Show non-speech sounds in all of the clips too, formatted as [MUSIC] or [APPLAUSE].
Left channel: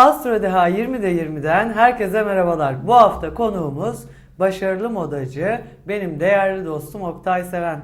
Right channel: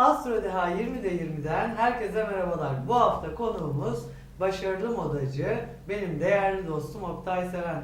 Astro Deha 20'de 20'den herkese merhabalar. Bu hafta konuğumuz başarılı modacı, benim değerli dostum Oktay Seven.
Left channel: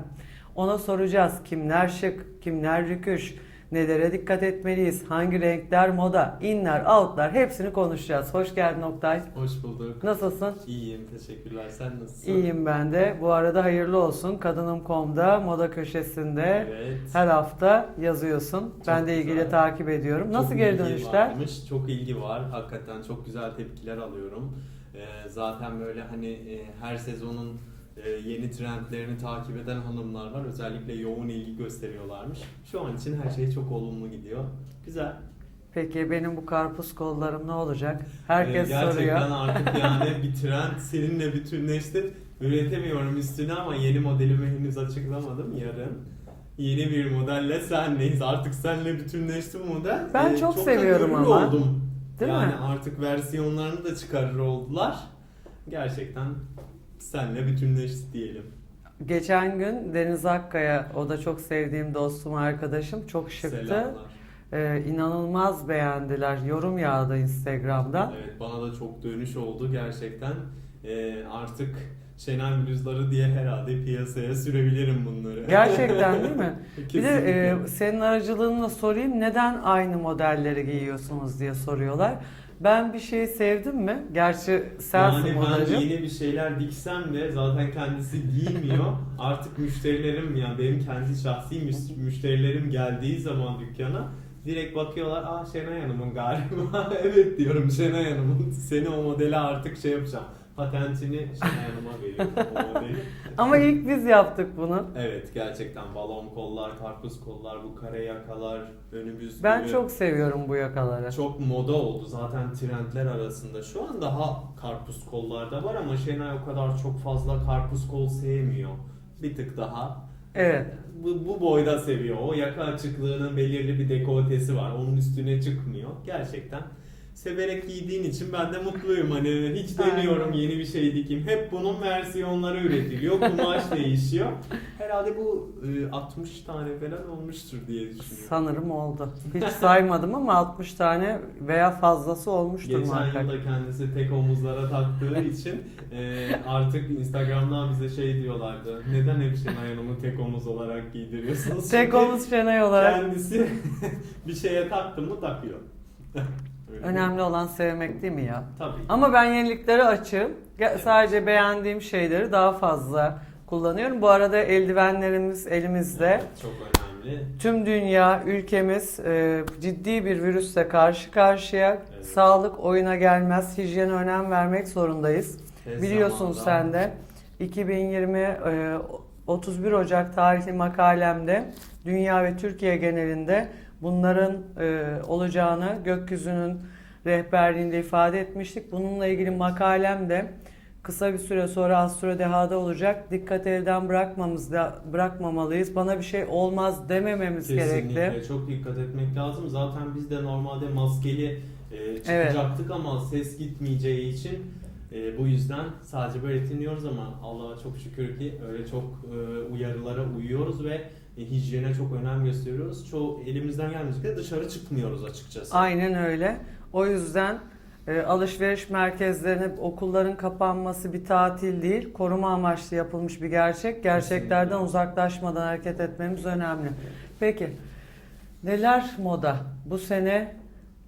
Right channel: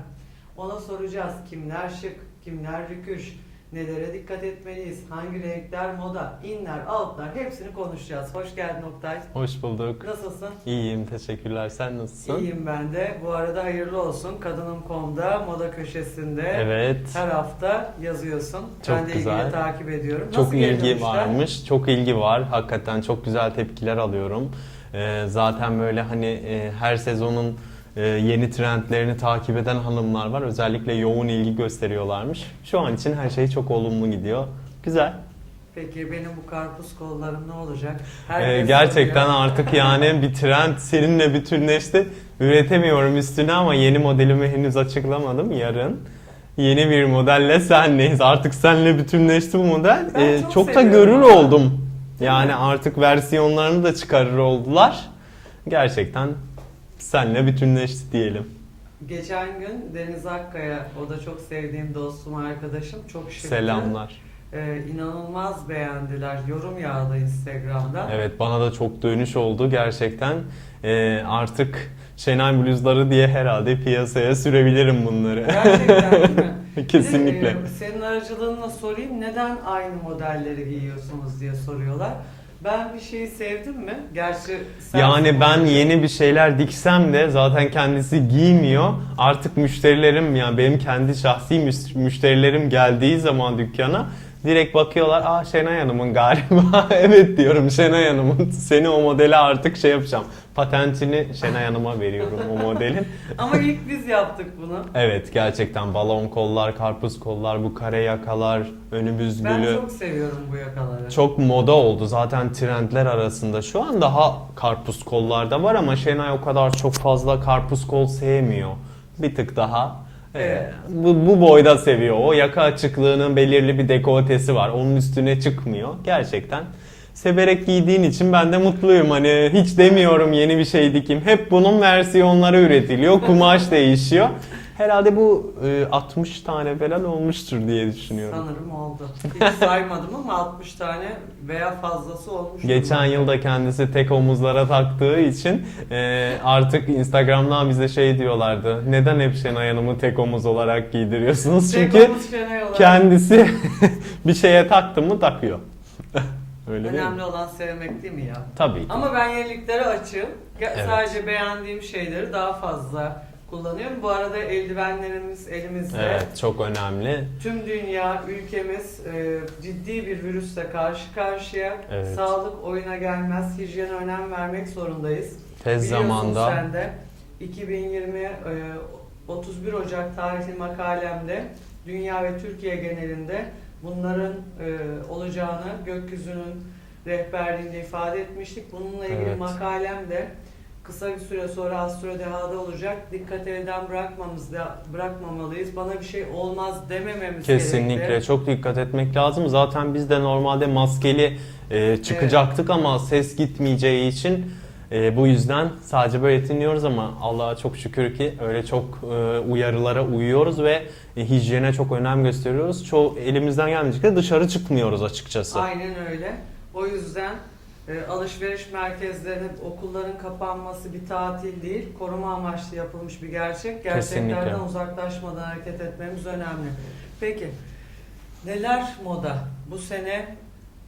Ona soracağız kimler şık, kimler rüküş, nelere dikkat etmeliyiz, hangi renkler moda, inler, outlar hepsini konuşacağız. Hoş geldin Oktay. Hoş bulduk. Nasılsın? İyiyim, teşekkürler. Sen nasılsın? İyiyim ben de. Bu arada hayırlı olsun. Kadınım.com'da moda köşesinde Evet. her hafta yazıyorsun. Çok ben de güzel. ilgili takip ediyorum. Çok Nasıl ilgi varmış. Çok ilgi var. Hakikaten çok güzel tepkiler alıyorum. Ee, zaten böyle hani e, her sezonun yeni trendlerini takip eden hanımlar var. Özellikle yoğun ilgi gösteriyorlarmış. Şu an için her şey çok olumlu gidiyor. Güzel. Peki benim bu karpuz kollarım ne olacak? Ee, gerçekten soruyor. [LAUGHS] artık yani bir trend seninle bütünleşti. Üretemiyorum üstüne ama yeni modelimi henüz açıklamadım. Yarın yeni bir modelle senleyiz. Artık senle bütünleşti bu model. Ben Ee, çok çok da görür ama. oldum. Değil yani mi? artık versiyonlarını da çıkarır oldular. Gerçekten senle bütünleşti diyelim. Geçen gün Deniz Akkaya, o da çok sevdiğim dostum, arkadaşım. Çok şıktı. Selamlar. Ee, inanılmaz beğendiler. Yorum yağdı Instagram'da. Evet bana da çok dönüş oldu gerçekten. Ee, artık Şenay bluzları diye herhalde piyasaya sürebilirim bunları. Gerçekten değil mi? Kesinlikle. [LAUGHS] Bir de, e, senin aracılığınla sorayım neden aynı modelleri giyiyorsunuz diye soruyorlar. Ben bir şeyi sevdim mi? Gerçi sen Yani ben yeni bir şeyler diksem de zaten kendisi giymiyor. Artık müşterilerim yani benim kendi şahsi müş- müşterilerim geldiği zaman dükkana direkt bakıyorlar. Aa Şenay Hanım'ın galiba. [LAUGHS] evet diyorum Şenay Hanım'ın. Seni o modele artık şey yapacağım. Patentini Şenay Hanım'a veriyorum o modelin. [LAUGHS] Ama ilk biz yaptık bunu. Evet gerçekten balon kollar, karpuz kollar, bu kare yakalar, önü büzgülü. Ben çok seviyorum bu yakaları. Çok moda oldu zaten trendler arasında. Şu an daha karpuz kollarda var ama Şenay o kadar çok fazla karpuz kol sevmiyor. Bir tık daha. e, Evet. bu, bu boyda seviyor. O yaka açıklığının belirli bir dekoltesi var. Onun üstüne çıkmıyor. Gerçekten severek giydiğin için ben de mutluyum. Hani hiç demiyorum yeni bir şey dikeyim. Hep bunun versiyonları üretiliyor. Kumaş [LAUGHS] değişiyor. Herhalde bu e, 60 tane falan olmuştur diye düşünüyorum. Sanırım oldu. Hiç saymadım ama 60 tane veya fazlası olmuştur. Geçen muhakkak. yılda kendisi tek omuzlara taktığı için e, artık Instagram'dan bize şey diyorlardı. Neden hep Şenay Hanım'ı tek omuz olarak giydiriyorsunuz? Tek Çünkü omuz Şenay olarak. kendisi [LAUGHS] bir şeye taktı mı takıyor. Öyle değil? Önemli olan sevmek değil mi ya? Tabii. ki. Ama ben yeniliklere açığım. Evet. Sadece beğendiğim şeyleri daha fazla kullanıyorum. Bu arada eldivenlerimiz elimizde. Evet, çok önemli. Tüm dünya, ülkemiz e, ciddi bir virüsle karşı karşıya. Evet. Sağlık oyuna gelmez. Hijyene önem vermek zorundayız. Tez Biliyorsun zamanda sen de 2020 e, 31 Ocak tarihli makalemde dünya ve Türkiye genelinde bunların e, olacağını gökyüzünün rehberliğinde ifade etmiştik. Bununla ilgili Evet. makalem de kısa bir süre sonra Astro Deha'da olacak. Dikkat elden bırakmamız da bırakmamalıyız. Bana bir şey olmaz demememiz kesinlikle gerekli. çok dikkat etmek lazım. Zaten biz de normalde maskeli e, çıkacaktık ama ses gitmeyeceği için e, bu yüzden sadece böyle dinliyoruz ama Allah'a çok şükür ki öyle çok e, uyarılara uyuyoruz ve e, hijyene çok önem gösteriyoruz. Çoğu elimizden gelmeyecek de dışarı çıkmıyoruz açıkçası. Aynen öyle. O yüzden e, alışveriş merkezlerine okulların kapanması bir tatil değil, koruma amaçlı yapılmış bir gerçek. Gerçeklerden Kesinlikle. uzaklaşmadan hareket etmemiz önemli. Peki, neler moda? Bu sene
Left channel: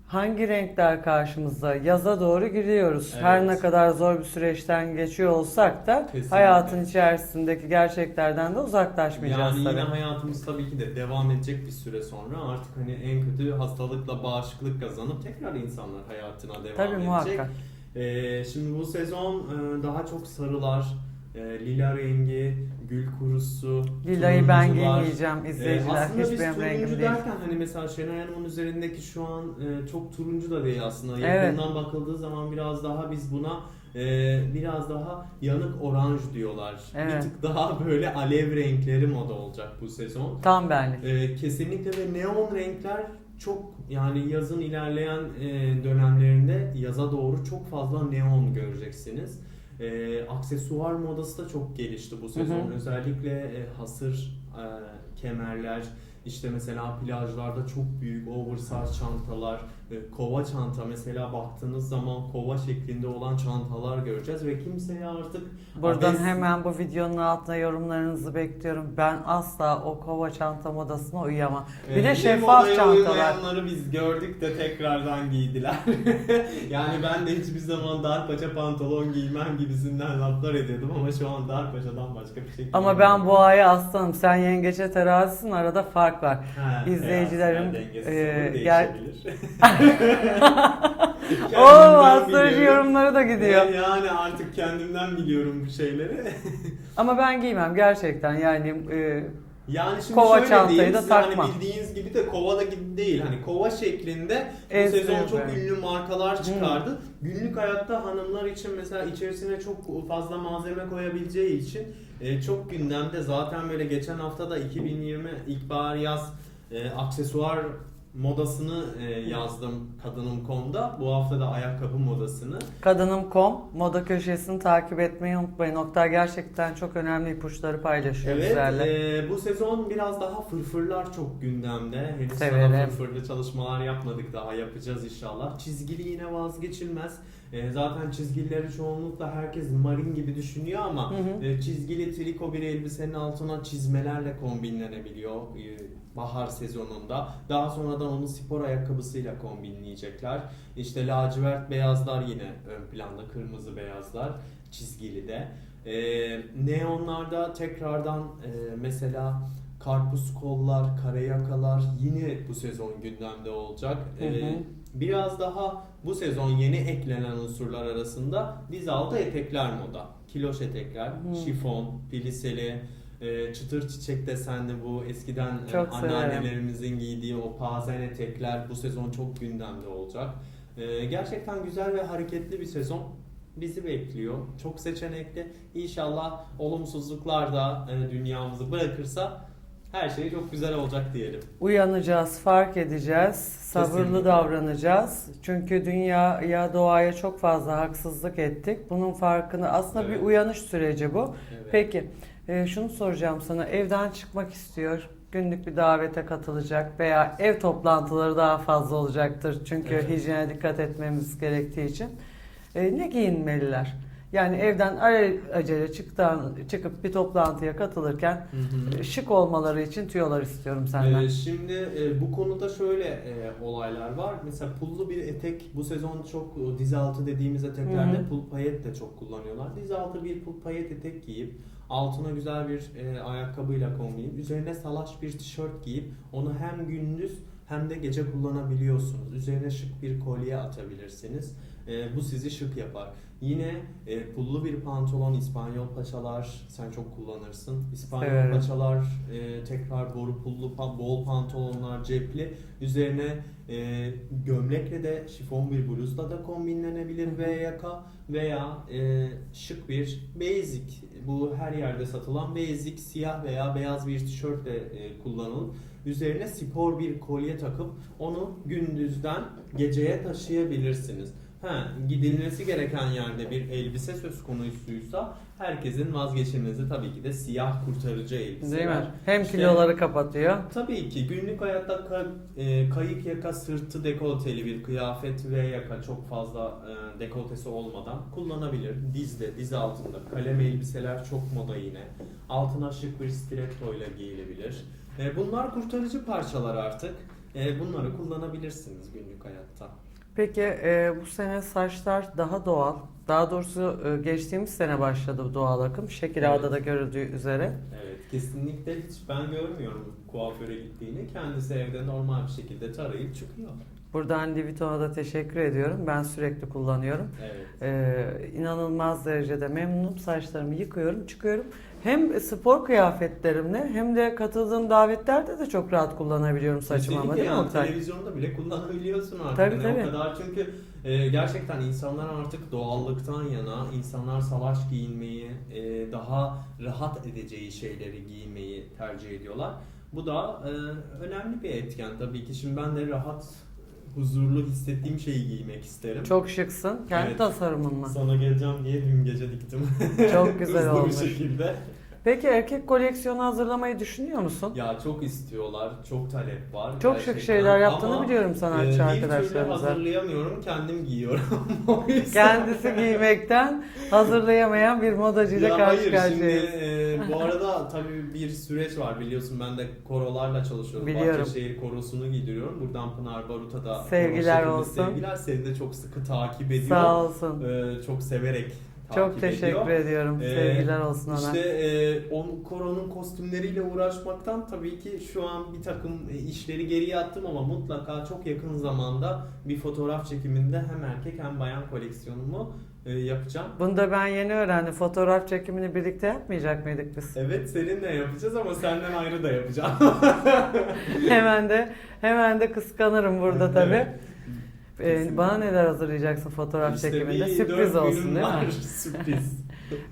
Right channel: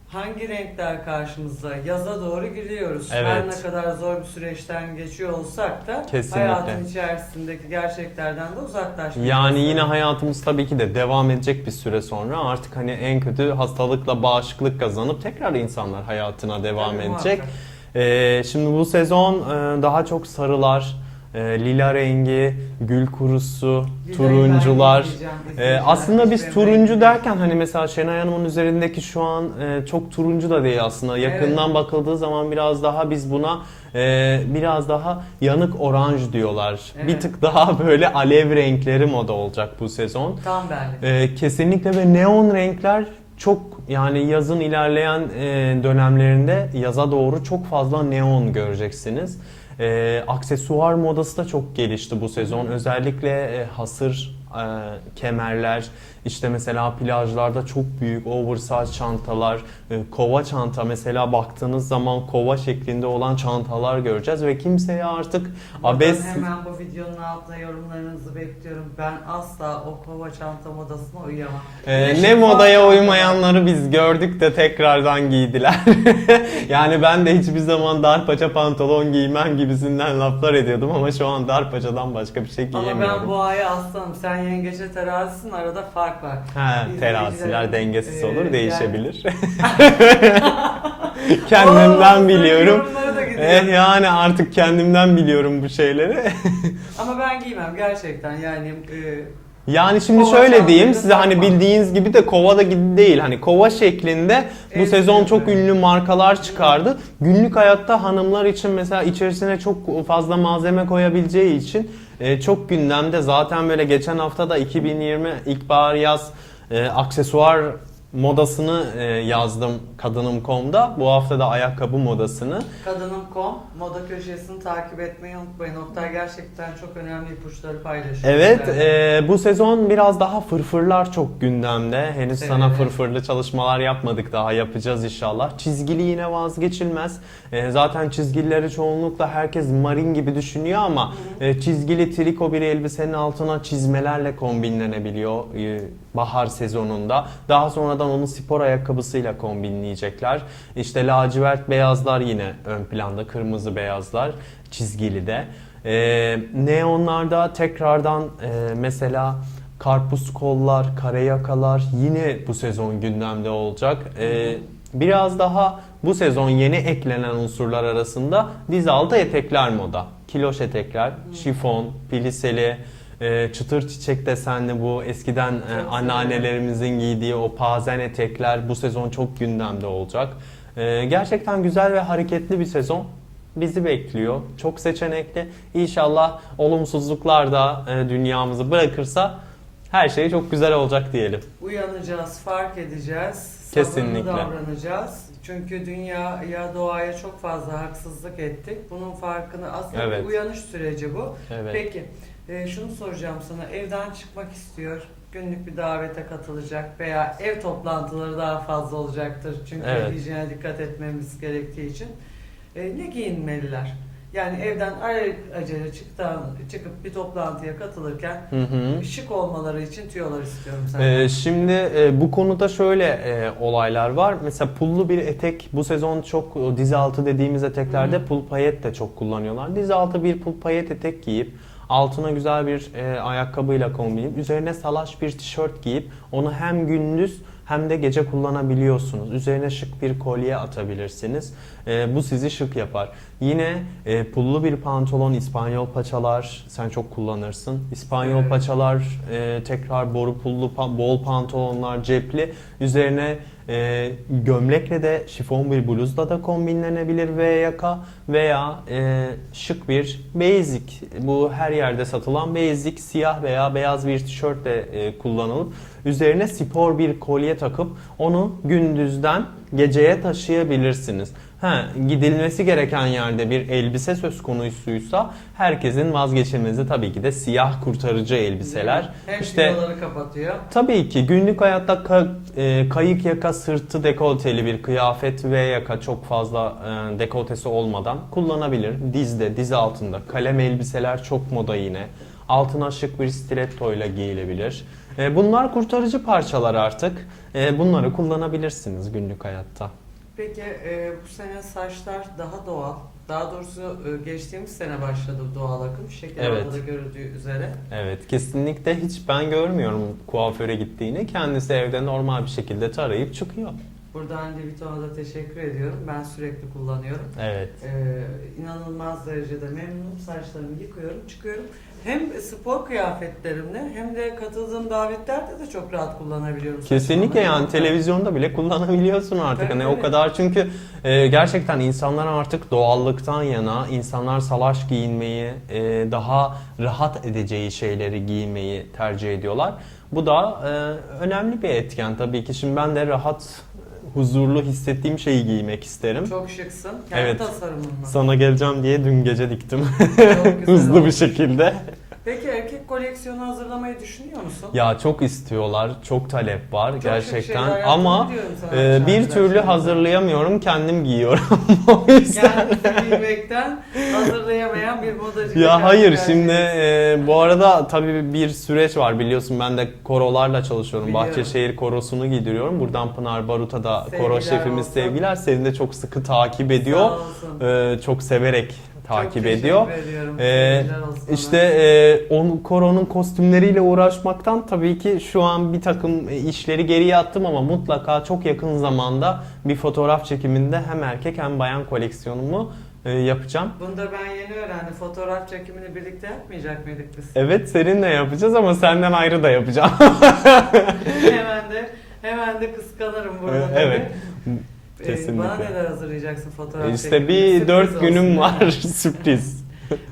hangi renkler karşımızda? Yaza doğru giriyoruz. Her Evet. ne kadar zor bir süreçten geçiyor olsak da Kesinlikle. hayatın içerisindeki gerçeklerden de uzaklaşmayacağız. Yani yine hayatımız tabii ki de devam edecek bir süre sonra artık hani en kötü hastalıkla bağışıklık kazanıp tekrar insanlar hayatına devam Tabii, edecek. muhakkak. Ee, şimdi bu sezon e, daha çok sarılar, e, lila rengi, gül kurusu, Lilayı ben turuncular. izleyiciler aslında biz turuncu renk derken hani mesela Şenay Hanım'ın üzerindeki şu an e, çok turuncu da değil aslında. Yakından bakıldığı zaman biraz daha biz buna e, biraz daha yanık oranj diyorlar. Bir Evet. tık daha böyle alev renkleri moda olacak bu sezon. Tam benlik. Ee, kesinlikle ve neon renkler çok yani yazın ilerleyen e, dönemlerinde yaza doğru çok fazla neon göreceksiniz. Ee, aksesuar modası da çok gelişti bu sezon. Özellikle e, hasır e, kemerler, işte mesela plajlarda çok büyük oversize çantalar, e, kova çanta mesela baktığınız zaman kova şeklinde olan çantalar göreceğiz ve kimseye artık Buradan abes hemen bu videonun altına yorumlarınızı bekliyorum. Ben asla o kova çanta modasına uyuyamam. Ee, ne modaya çantalar. uymayanları biz gördük de tekrardan giydiler. [LAUGHS] yani ben de hiçbir zaman dar paça pantolon giymem gibisinden laflar ediyordum ama şu an dar paçadan başka bir şey giyemiyorum. Ama ben boğaya aslanım. Sen yengeçe terazisin arada fark var. Ha, teraziler dengesiz e, olur, yani- değişebilir. [LAUGHS] [LAUGHS] kendimden Oo, biliyorum. Yorumları da gidiyor. Eh, yani artık kendimden biliyorum bu şeyleri. [LAUGHS] Ama ben giymem gerçekten yani e, Yani şimdi Kova şöyle diyeyim size hani takmam. bildiğiniz gibi de kova da gibi değil. Hani kova şeklinde bu Evet, sezon çok evet. ünlü markalar çıkardı. Günlük hayatta hanımlar için mesela içerisine çok fazla malzeme koyabileceği için e, çok gündemde. Zaten böyle geçen hafta da 2020 ilkbahar yaz e, aksesuar modasını e, yazdım kadınım.com'da. Bu hafta da ayakkabı modasını. kadınım.com moda köşesini takip etmeyi unutmayın. Oktay gerçekten çok önemli ipuçları paylaşıyor. Evet, bizlerle. e, bu sezon biraz daha fırfırlar çok gündemde. Henüz sana Evet. fırfırlı çalışmalar yapmadık daha yapacağız inşallah. Çizgili yine vazgeçilmez. E, zaten çizgilileri çoğunlukla herkes marin gibi düşünüyor ama e, çizgili triko bir elbisenin altına çizmelerle kombinlenebiliyor e, bahar sezonunda. Daha sonradan onu spor ayakkabısıyla kombinleyecekler. İşte lacivert beyazlar yine ön planda, kırmızı beyazlar çizgili de. Ee, neonlarda tekrardan e, mesela karpuz kollar, kare yakalar yine bu sezon gündemde olacak. Ee, biraz daha bu sezon yeni eklenen unsurlar arasında diz altı etekler moda. Kiloş etekler, şifon, piliseli, e, çıtır çiçek desenli bu eskiden e, anneannelerimizin giydiği o pazen etekler bu sezon çok gündemde olacak. Ee, gerçekten güzel ve hareketli bir sezon bizi bekliyor. Çok seçenekli. İnşallah olumsuzluklar da e, dünyamızı bırakırsa her şey çok güzel olacak diyelim. Uyanacağız, fark edeceğiz, sabırlı Kesinlikle. davranacağız. Çünkü dünyaya, doğaya çok fazla haksızlık ettik. Bunun farkını aslında Evet. bir uyanış süreci bu. Evet. Peki, e, şunu soracağım sana. Evden çıkmak istiyor, günlük bir davete katılacak veya ev toplantıları daha fazla olacaktır. Çünkü Evet. hijyene dikkat etmemiz gerektiği için. E, ne giyinmeliler? Yani evden acele çıktan, çıkıp bir toplantıya katılırken Hı hı. şık olmaları için tüyolar istiyorum senden. Ee, şimdi e, bu konuda şöyle e, olaylar var. Mesela pullu bir etek bu sezon çok o diz altı dediğimiz eteklerde Hı. pul payet de çok kullanıyorlar. Diz altı bir pul payet etek giyip altına güzel bir e, ayakkabıyla kombinleyip üzerine salaş bir tişört giyip onu hem gündüz hem de gece kullanabiliyorsunuz. Üzerine şık bir kolye atabilirsiniz. E, bu sizi şık yapar. Yine e, pullu bir pantolon, İspanyol paçalar sen çok kullanırsın. İspanyol Evet. paçalar, e, tekrar boru pullu, pa- bol pantolonlar, cepli. Üzerine e, gömlekle de şifon bir bluzla da kombinlenebilir V yaka veya e, şık bir basic. Bu her yerde satılan basic siyah veya beyaz bir tişörtle e, kullanılıp üzerine spor bir kolye takıp onu gündüzden geceye taşıyabilirsiniz. Ha, gidilmesi gereken yerde bir elbise söz konusuysa herkesin vazgeçilmezi tabii ki de siyah kurtarıcı elbiseler. Hem İşte- filoları kapatıyor. Tabii ki günlük hayatta ka- e, kayık yaka sırtı dekolteli bir kıyafet ve yaka çok fazla e, dekoltesi olmadan kullanabilir. Dizde, diz altında. Kalem elbiseler çok moda yine. Altına şık bir stiletto ile giyilebilir. E, bunlar kurtarıcı parçalar artık. E, bunları kullanabilirsiniz günlük hayatta. Peki e, bu sene saçlar daha doğal. Daha doğrusu e, geçtiğimiz sene başladı bu doğal akım. Şekil Evet. Da görüldüğü üzere. Evet kesinlikle hiç ben görmüyorum kuaföre gittiğini. Kendisi evde normal bir şekilde tarayıp çıkıyor. Buradan Liviton'a da teşekkür ediyorum. Ben sürekli kullanıyorum. Evet. E, inanılmaz derecede memnunum. Saçlarımı yıkıyorum, çıkıyorum. Hem spor kıyafetlerimle hem de katıldığım davetlerde de çok rahat kullanabiliyorum. Kesinlikle yani televizyonda bile kullanabiliyorsun artık. Tabii, hani tabii. o kadar çünkü e, gerçekten insanlar artık doğallıktan yana, insanlar salaş giyinmeyi, e, daha rahat edeceği şeyleri giymeyi tercih ediyorlar. Bu da e, önemli bir etken tabii ki. Şimdi ben de rahat, huzurlu hissettiğim şeyi giymek isterim. Çok şıksın. Kendi Evet. tasarımınla. Sana geleceğim diye dün gece diktim. Çok [LAUGHS] güzel Hızlı bir olmuş. şekilde. Peki erkek koleksiyonu hazırlamayı düşünüyor musun? Ya çok istiyorlar, çok talep var Çok şık gerçekten şeyler yaptığını ama biliyorum e, bir türlü arkadaşlarımızdan. hazırlayamıyorum, kendim giyiyorum. [LAUGHS] o yüzden Kendisi giymekten hazırlayamayan bir modacı. Ya hayır şimdi e, bu arada tabii bir süreç var biliyorsun ben de korolarla çalışıyorum. Biliyorum. Bahçeşehir korosunu giydiriyorum. Buradan Pınar Barut'a da koro Sevgiler şefimiz olsun. sevgiler. Seni de çok sıkı takip ediyor. Sağ olsun. E, çok severek takip Çok ediyor. teşekkür ediyorum. Ee, olsun. İşte e, onun koronun kostümleriyle uğraşmaktan tabii ki şu an bir takım işleri geriye attım ama mutlaka çok yakın zamanda bir fotoğraf çekiminde hem erkek hem bayan koleksiyonumu e, yapacağım. Bunu da ben yeni öğrendim. Fotoğraf çekimini birlikte yapmayacak mıydık biz? Evet seninle yapacağız ama senden ayrı da yapacağım. [LAUGHS] hemen de hemen de kıskanırım burada tabii. evet. Ee, kesinlikle. bana neler hazırlayacaksın fotoğraf İşte bir dört günüm var [LAUGHS] [LAUGHS] sürpriz.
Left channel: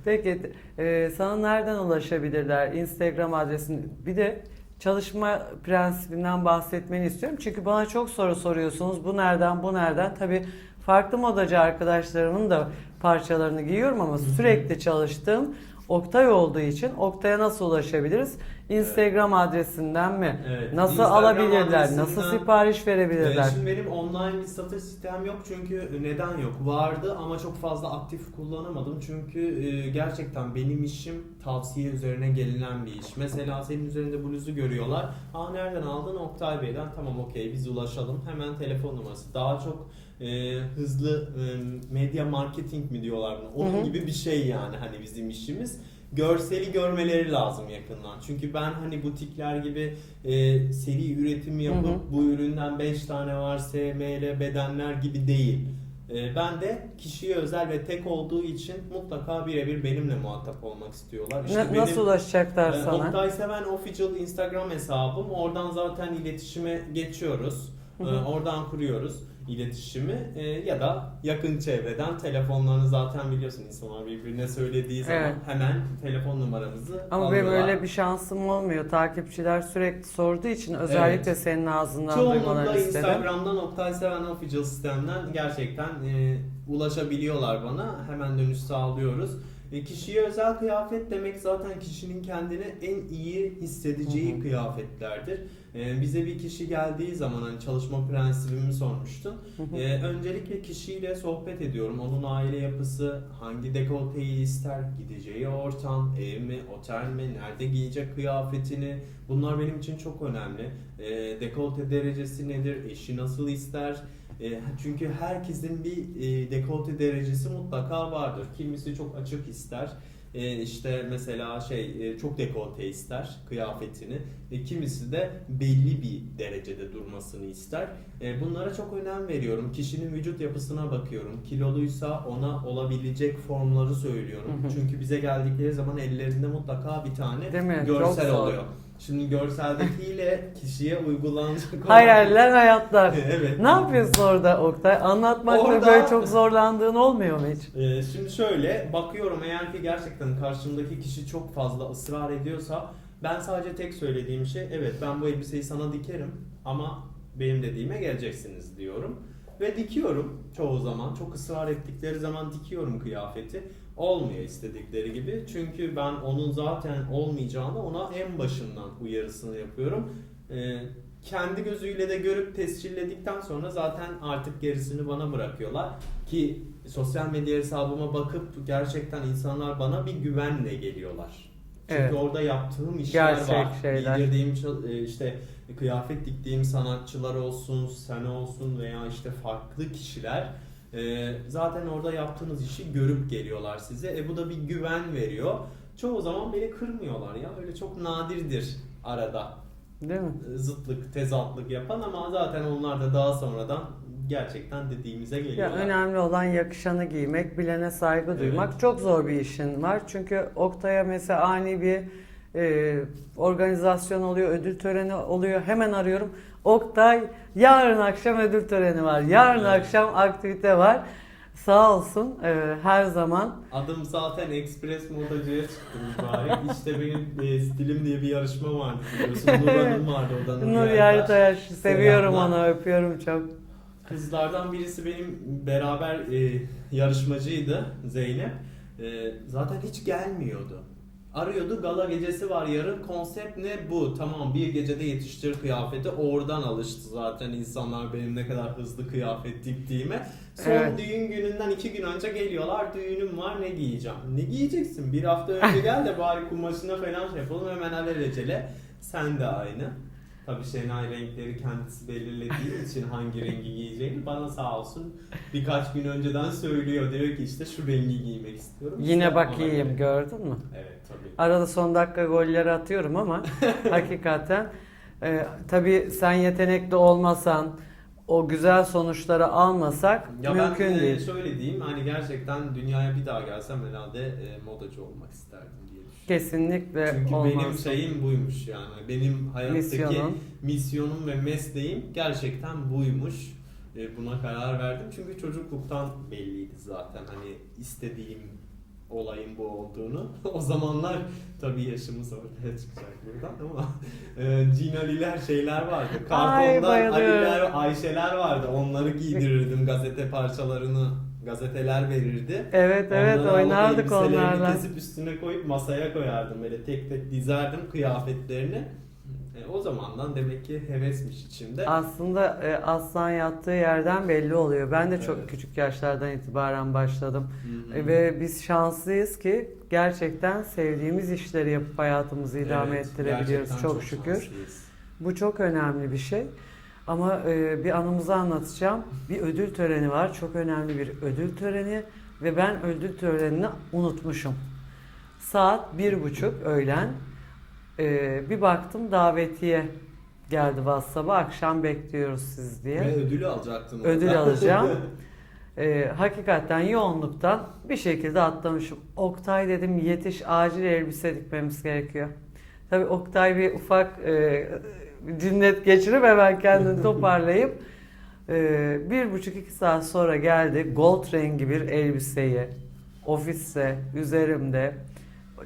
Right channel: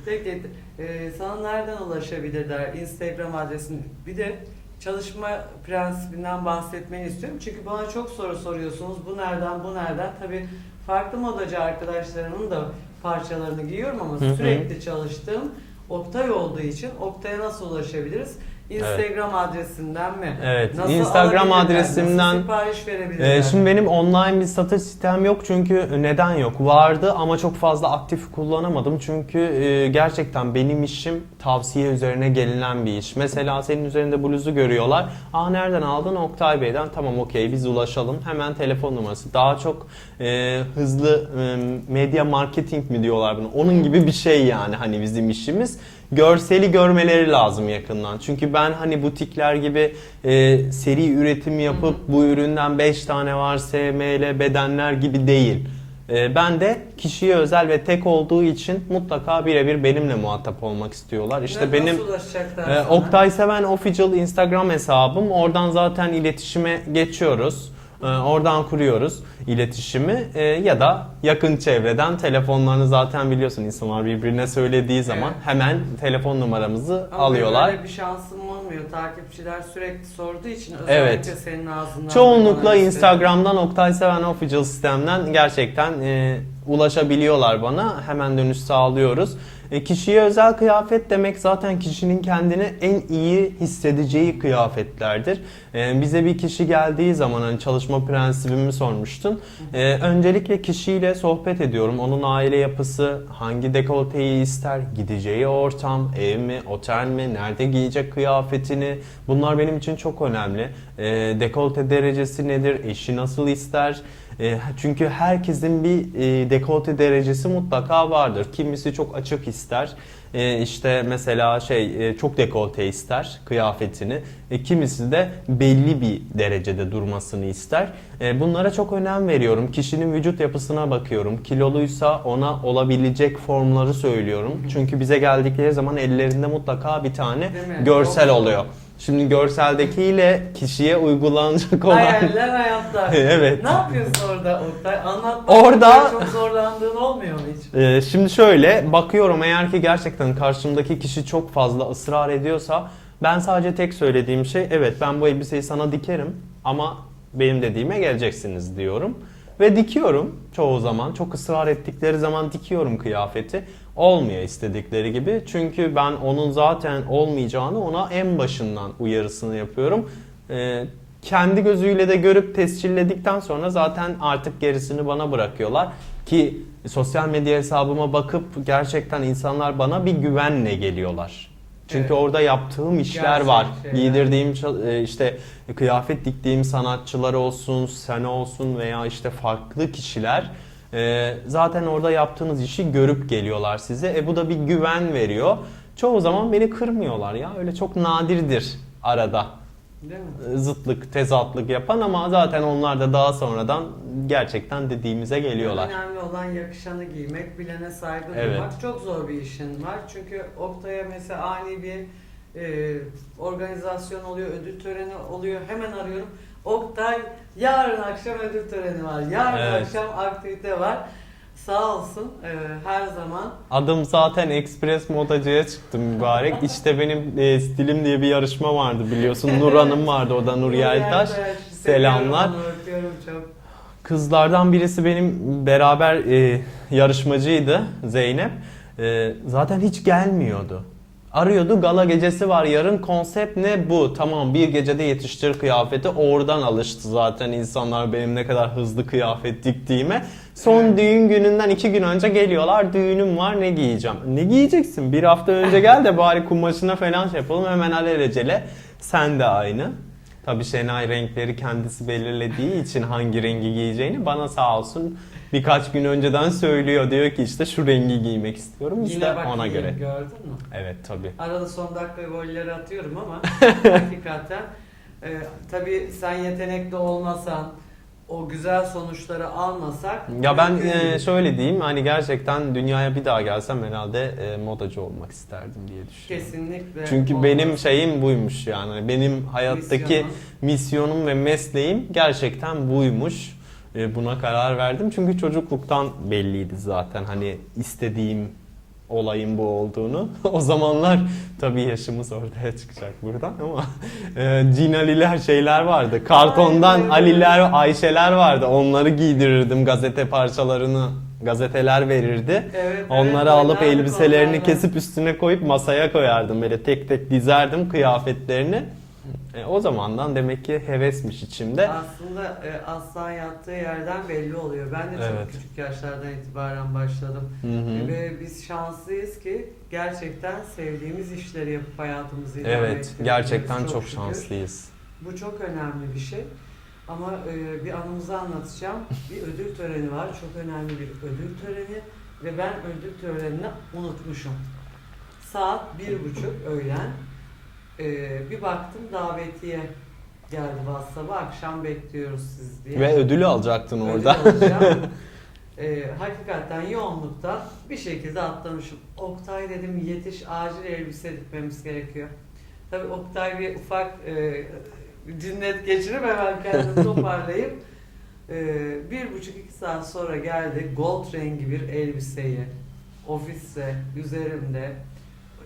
Peki e, sana nereden ulaşabilirler? Instagram adresin. Bir de çalışma prensibinden bahsetmeni istiyorum. Çünkü bana çok soru soruyorsunuz. Bu nereden, bu nereden? Tabii farklı modacı arkadaşlarımın da parçalarını giyiyorum ama Hı hı. sürekli çalıştığım Oktay olduğu için Oktay'a nasıl ulaşabiliriz? Instagram adresinden mi? Evet, Nasıl Instagram alabilirler? adresimden- Nasıl sipariş verebilirler? Ee, şimdi benim online bir satış sitem yok çünkü neden yok? Vardı ama çok fazla aktif kullanamadım çünkü e, gerçekten benim işim tavsiye üzerine gelinen bir iş. Mesela senin üzerinde bluzu görüyorlar. Aa nereden aldın? Oktay Bey'den. Tamam okey biz ulaşalım. Hemen telefon numarası. Daha çok e, hızlı e, medya marketing mi diyorlar bunu? Onun gibi bir şey yani hani bizim işimiz. Görseli görmeleri lazım yakından. Çünkü ben hani butikler gibi e, seri üretim yapıp Hı hı. bu üründen 5 tane var SML bedenler gibi değil. E, ben de kişiye özel ve tek olduğu için mutlaka birebir benimle muhatap olmak istiyorlar. İşte Ne- benim nasıl ulaşacaklar e, sana? Oktay Seven Official Instagram hesabım. Oradan zaten iletişime geçiyoruz. E, oradan kuruyoruz iletişimi E, ya da yakın çevreden telefonlarını zaten biliyorsun insanlar birbirine söylediği zaman Evet. hemen telefon numaramızı Ama alıyorlar. böyle bir şansım olmuyor. Takipçiler sürekli sorduğu için özellikle Evet. senin ağzından Çoğunlukla duymaları istedim. Instagram'dan Oktay Seven Official sistemden gerçekten e, ulaşabiliyorlar bana. Hemen dönüş sağlıyoruz. E, kişiye özel kıyafet demek zaten kişinin kendini en iyi hissedeceği kıyafetlerdir. E, bize bir kişi geldiği zaman hani çalışma prensibimi sormuştun. E, öncelikle kişiyle sohbet ediyorum. Onun aile yapısı, hangi dekolteyi ister, gideceği ortam, ev mi, otel mi, nerede giyecek kıyafetini. Bunlar benim için çok önemli. E, dekolte derecesi nedir, eşi nasıl ister? E, çünkü herkesin bir e, dekolte derecesi mutlaka vardır. Kimisi çok açık ister. E, işte mesela şey e, çok dekolte ister kıyafetini. E, kimisi de belli bir derecede durmasını ister. E, bunlara çok önem veriyorum. Kişinin vücut yapısına bakıyorum. Kiloluysa ona olabilecek formları söylüyorum. Çünkü bize geldikleri zaman ellerinde mutlaka bir tane görsel oluyor. Şimdi görseldekiyle kişiye uygulanacak olan Hayaller hayatlar. [LAUGHS] Evet. Ne yapıyorsun orada Oktay? Anlatmakta Orada- çok zorlandığın olmuyor mu hiç? Ee, şimdi şöyle bakıyorum eğer ki gerçekten karşımdaki kişi çok fazla ısrar ediyorsa ben sadece tek söylediğim şey evet ben bu elbiseyi sana dikerim ama benim dediğime geleceksiniz diyorum. Ve dikiyorum çoğu zaman. Çok ısrar ettikleri zaman dikiyorum kıyafeti. Olmuyor istedikleri gibi. Çünkü ben onun zaten olmayacağını ona en başından uyarısını yapıyorum. Ee, kendi gözüyle de görüp tescilledikten sonra zaten artık gerisini bana bırakıyorlar. Ki sosyal medya hesabıma bakıp gerçekten insanlar bana bir güvenle geliyorlar. Çünkü Evet. orada yaptığım işler Gerçek var. şeyler. Giydirdiğim e, işte kıyafet diktiğim sanatçılar olsun, sen olsun veya işte farklı kişiler e, zaten orada yaptığınız işi görüp geliyorlar size. E bu da bir güven veriyor. Çoğu zaman beni kırmıyorlar ya. Öyle çok nadirdir arada Değil mi? e, zıtlık, tezatlık yapan ama zaten onlar da daha sonradan gerçekten dediğimize geliyorlar. Yani önemli olan yakışanı giymek, bilene saygı Evet. duymak. Çok zor bir işin var. Çünkü Oktay'a mesela ani bir e, organizasyon oluyor, ödül töreni oluyor. Hemen arıyorum. Oktay yarın akşam ödül töreni var. Yarın Evet. akşam aktivite var. Sağ olsun e, her zaman. Adım zaten Express modacıya çıktım mübarek. [LAUGHS] İşte benim e, stilim diye bir yarışma vardı biliyorsun. Nur Hanım vardı o da Nur Yeltaş. Seviyorum Selamlar. onu, öpüyorum çok. Kızlardan birisi benim beraber e, yarışmacıydı Zeynep. E, zaten hiç gelmiyordu. Arıyordu gala gecesi var yarın konsept ne bu tamam bir gecede yetiştir kıyafeti oradan alıştı zaten insanlar benim ne kadar hızlı kıyafet diktiğime. Son Evet. düğün gününden iki gün önce geliyorlar düğünüm var ne giyeceğim. Ne giyeceksin bir hafta önce gel de bari kumaşına falan şey yapalım hemen alelacele sen de aynı. Tabii Şenay renkleri kendisi belirlediği için hangi rengi giyeceğini bana sağ olsun birkaç gün önceden söylüyor. Diyor ki işte şu rengi giymek istiyorum. İşte Yine bak ona göre. gördün mü? Evet tabii. Arada son dakika golleri atıyorum ama [LAUGHS] hakikaten e, tabii sen yetenekli olmasan o güzel sonuçları almasak Ya ben mümkün e, değil. şöyle diyeyim hani gerçekten dünyaya bir daha gelsem herhalde e, modacı olmak isterdim diye düşünüyorum. kesinlikle Çünkü olmaz. benim şeyim buymuş yani. Hani Benim hayattaki Misyonun. misyonum ve mesleğim gerçekten buymuş. E, Buna karar verdim. Çünkü çocukluktan belliydi zaten hani istediğim olayın bu olduğunu. [LAUGHS] o zamanlar tabii yaşımız ortaya çıkacak buradan ama e, cin Aliler şeyler vardı. Kartondan bayılıyorum. Aliler, Ayşeler vardı. Onları giydirirdim gazete parçalarını gazeteler verirdi. Evet, evet, Onları alıp oynardık elbiselerini onlarla. kesip üstüne koyup masaya koyardım. Böyle tek tek dizerdim kıyafetlerini. E, o zamandan demek ki hevesmiş içimde. Aslında e, aslan yattığı yerden belli oluyor. Ben de çok Evet. küçük yaşlardan itibaren başladım. Hı. Ve biz şanslıyız ki gerçekten sevdiğimiz işleri yapıp hayatımızı idame Evet, ettirebiliyoruz. gerçekten çok, şükür. şanslıyız. Bu çok önemli bir şey. Ama e, bir anımızı anlatacağım. Bir ödül töreni var. Çok önemli bir ödül töreni. Ve ben ödül törenini unutmuşum. Saat bir buçuk öğlen. E, bir baktım davetiye geldi WhatsApp'a. Akşam bekliyoruz siz diye. Ve ödülü alacaktın ödül orada. alacağım. [LAUGHS] Ee, hakikaten yoğunluktan bir şekilde atlamışım. Oktay dedim yetiş acil elbise dikmemiz gerekiyor. Tabii Oktay bir ufak e, cinnet geçirip hemen kendini toparlayıp [LAUGHS] e, bir buçuk iki saat sonra geldi gold rengi bir elbiseyi ofiste üzerimde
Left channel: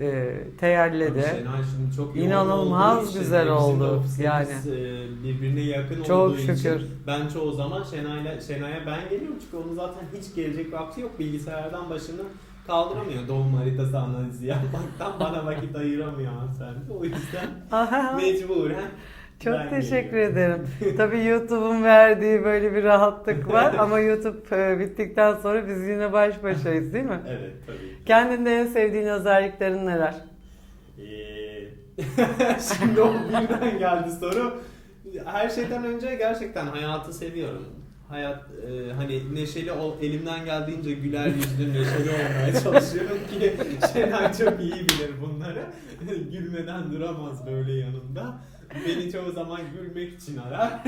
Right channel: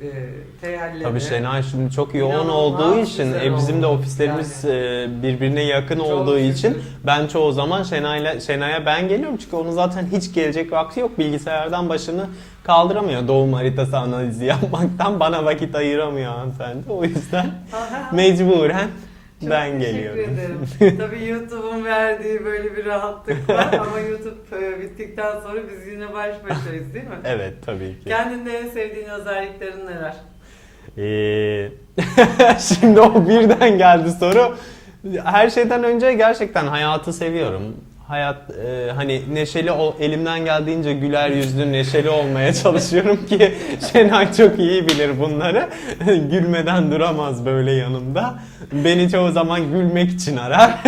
e, Tabii Şenay şimdi çok yoğun İnanılmaz olduğu için güzel e, bizim de oldu. ofislerimiz e, birbirine yakın Çok olduğu şükür. için ben çoğu zaman Şenay'la Şenay'a ben geliyorum çünkü onun zaten hiç gelecek vakti yok. Bilgisayardan başını kaldıramıyor doğum haritası analizi yapmaktan. [LAUGHS] Bana vakit ayıramıyor hanımefendi. O yüzden mecburen Çok ben teşekkür geliyorum. ederim. [LAUGHS] Tabii YouTube'un verdiği böyle bir rahatlık var [LAUGHS] ama YouTube e, bittikten sonra biz yine baş başayız değil mi? Evet tabii ki. Kendinde en sevdiğin özelliklerin neler? Ee, [LAUGHS] şimdi o birden geldi soru. Her şeyden önce gerçekten hayatı seviyorum. Hayat e, hani neşeli ol, elimden geldiğince güler yüzlü neşeli olmaya çalışıyorum ki Şenay çok iyi bilir bunları. Gülmeden duramaz böyle yanımda. Beni çoğu zaman gülmek için arar. [LAUGHS]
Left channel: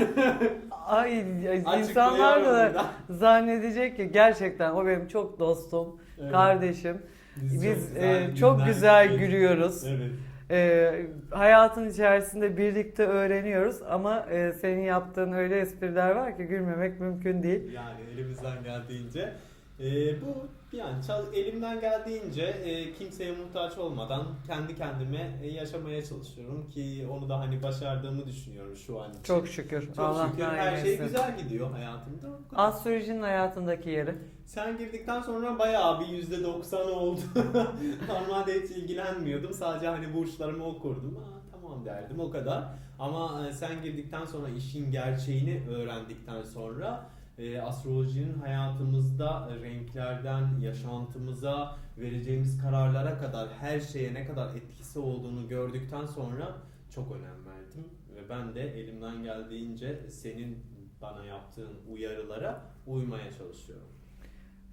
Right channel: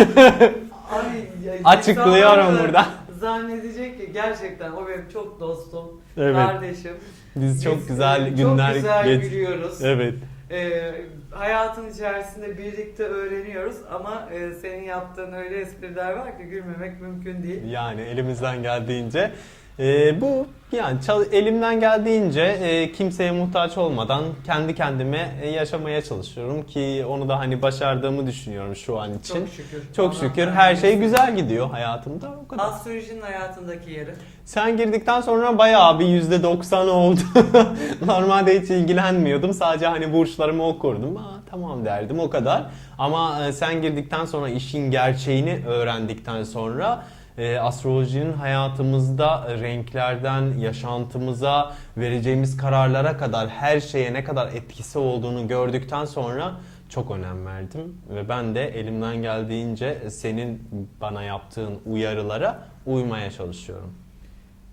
Ay, ay, Açıklıyorum insanlar da burada. Zannedecek ki gerçekten o benim çok dostum, Evet. kardeşim. Biz çok güzel e, günler Çok güzel geç- gülüyoruz. Evet. E, hayatın içerisinde birlikte öğreniyoruz ama e, senin yaptığın öyle espriler var ki gülmemek mümkün değil. Yani elimizden geldiğince Ee, bu yani elimden geldiğince e, kimseye muhtaç olmadan kendi kendime e, yaşamaya çalışıyorum ki onu da hani başardığımı düşünüyorum şu an için. Çok şükür. Çok Allah şükür her şey güzel gidiyor hayatımda. O kadar. Astrolojinin hayatındaki yeri. Sen girdikten sonra bayağı bir %90 oldu. [LAUGHS] Normalde hiç ilgilenmiyordum. Sadece hani burçlarımı okurdum. Aa, tamam derdim o kadar. Ama e, sen girdikten sonra işin gerçeğini öğrendikten sonra e, astrolojinin hayatımızda renklerden yaşantımıza vereceğimiz kararlara kadar her şeye ne kadar etkisi olduğunu gördükten sonra çok önem verdim ve ben de elimden geldiğince senin bana yaptığın uyarılara uymaya çalışıyorum.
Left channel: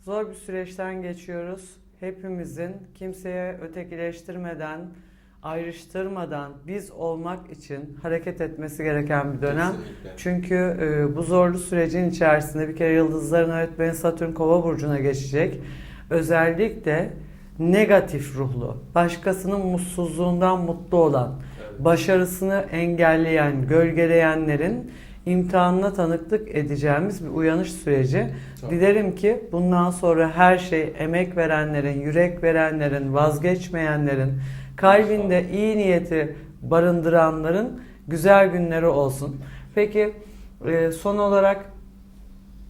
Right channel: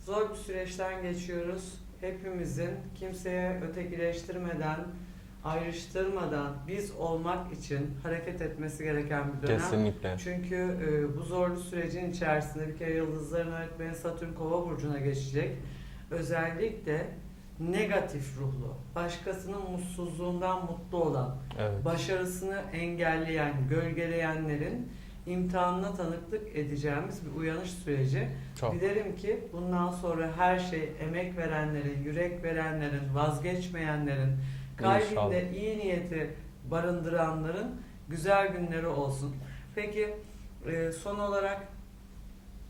Zor bir süreçten geçiyoruz. Hepimizin kimseye ötekileştirmeden, ayrıştırmadan biz olmak için hareket etmesi gereken bir dönem. Kesinlikle. Çünkü e, bu zorlu sürecin içerisinde bir kere yıldızların öğretmeni Satürn Kova burcuna geçecek. Özellikle negatif ruhlu, başkasının mutsuzluğundan mutlu olan, Evet. başarısını engelleyen, gölgeleyenlerin imtihanına tanıklık edeceğimiz bir uyanış süreci. Çok. Dilerim ki bundan sonra her şey emek verenlerin, yürek verenlerin, vazgeçmeyenlerin, kalbinde iyi niyeti barındıranların güzel günleri olsun. Peki e, son olarak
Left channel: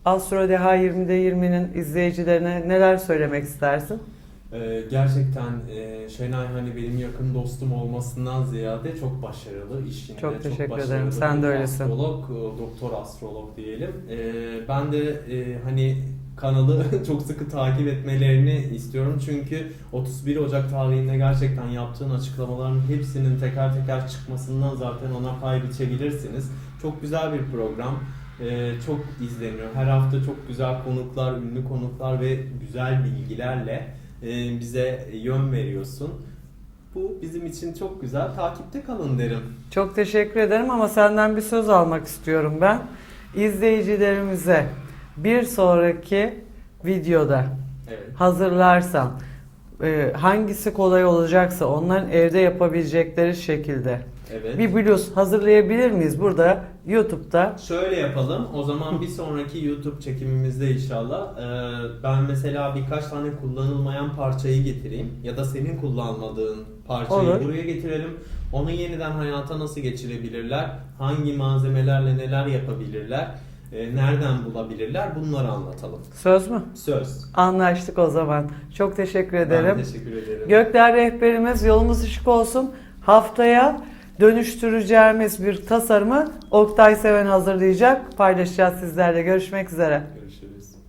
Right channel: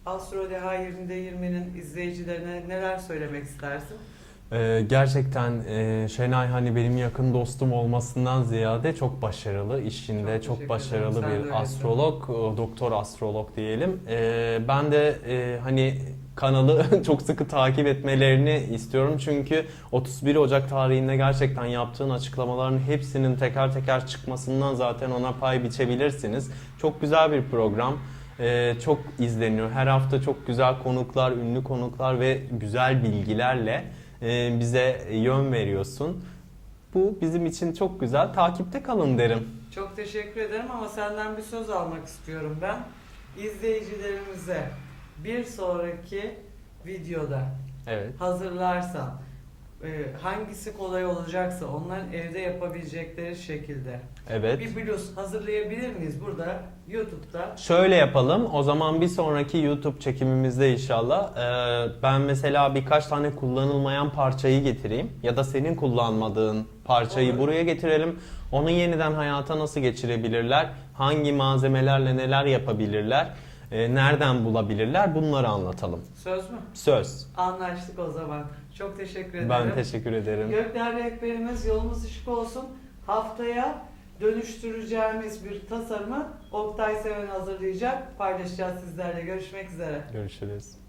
Astro Deha 20'de 20'nin izleyicilerine neler söylemek istersin? Ee, gerçekten e, Şenay hani benim yakın dostum olmasından ziyade çok başarılı işinde Çok çok, ederim. başarılı Sen bir astrolog, doktor astrolog diyelim. Ee, ben de e, hani kanalı [LAUGHS] çok sıkı takip etmelerini istiyorum çünkü 31 Ocak tarihinde gerçekten yaptığın açıklamaların hepsinin teker teker çıkmasından zaten ona pay biçebilirsiniz. Çok güzel bir program. Ee, çok izleniyor. Her hafta çok güzel konuklar, ünlü konuklar ve güzel bilgilerle bize yön veriyorsun. Bu bizim için çok güzel. Takipte kalın derim. Çok teşekkür ederim ama senden bir söz almak istiyorum ben. İzleyicilerimize bir sonraki videoda Evet. hazırlarsam e, hangisi kolay olacaksa onların evde yapabilecekleri şekilde Evet. bir bluz hazırlayabilir miyiz burada YouTube'da? Şöyle yapalım. O zaman bir sonraki YouTube çekimimizde inşallah e, ben mesela birkaç tane kullanılmayan parçayı getireyim ya da senin kullanmadığın parçayı Olur. buraya getirelim. Onu yeniden hayata nasıl geçirebilirler? Hangi malzemelerle neler yapabilirler? E, nereden bulabilirler? Bunları anlatalım. Söz mü? Söz. Anlaştık o zaman. Çok teşekkür ederim. Ben teşekkür ederim. Gökler rehberimiz yolumuz ışık olsun. Haftaya dönüştüreceğimiz bir tasarımı Oktay Seven hazırlayacak. Paylaşacağız sizlerle. Görüşmek üzere. Görüşürüz.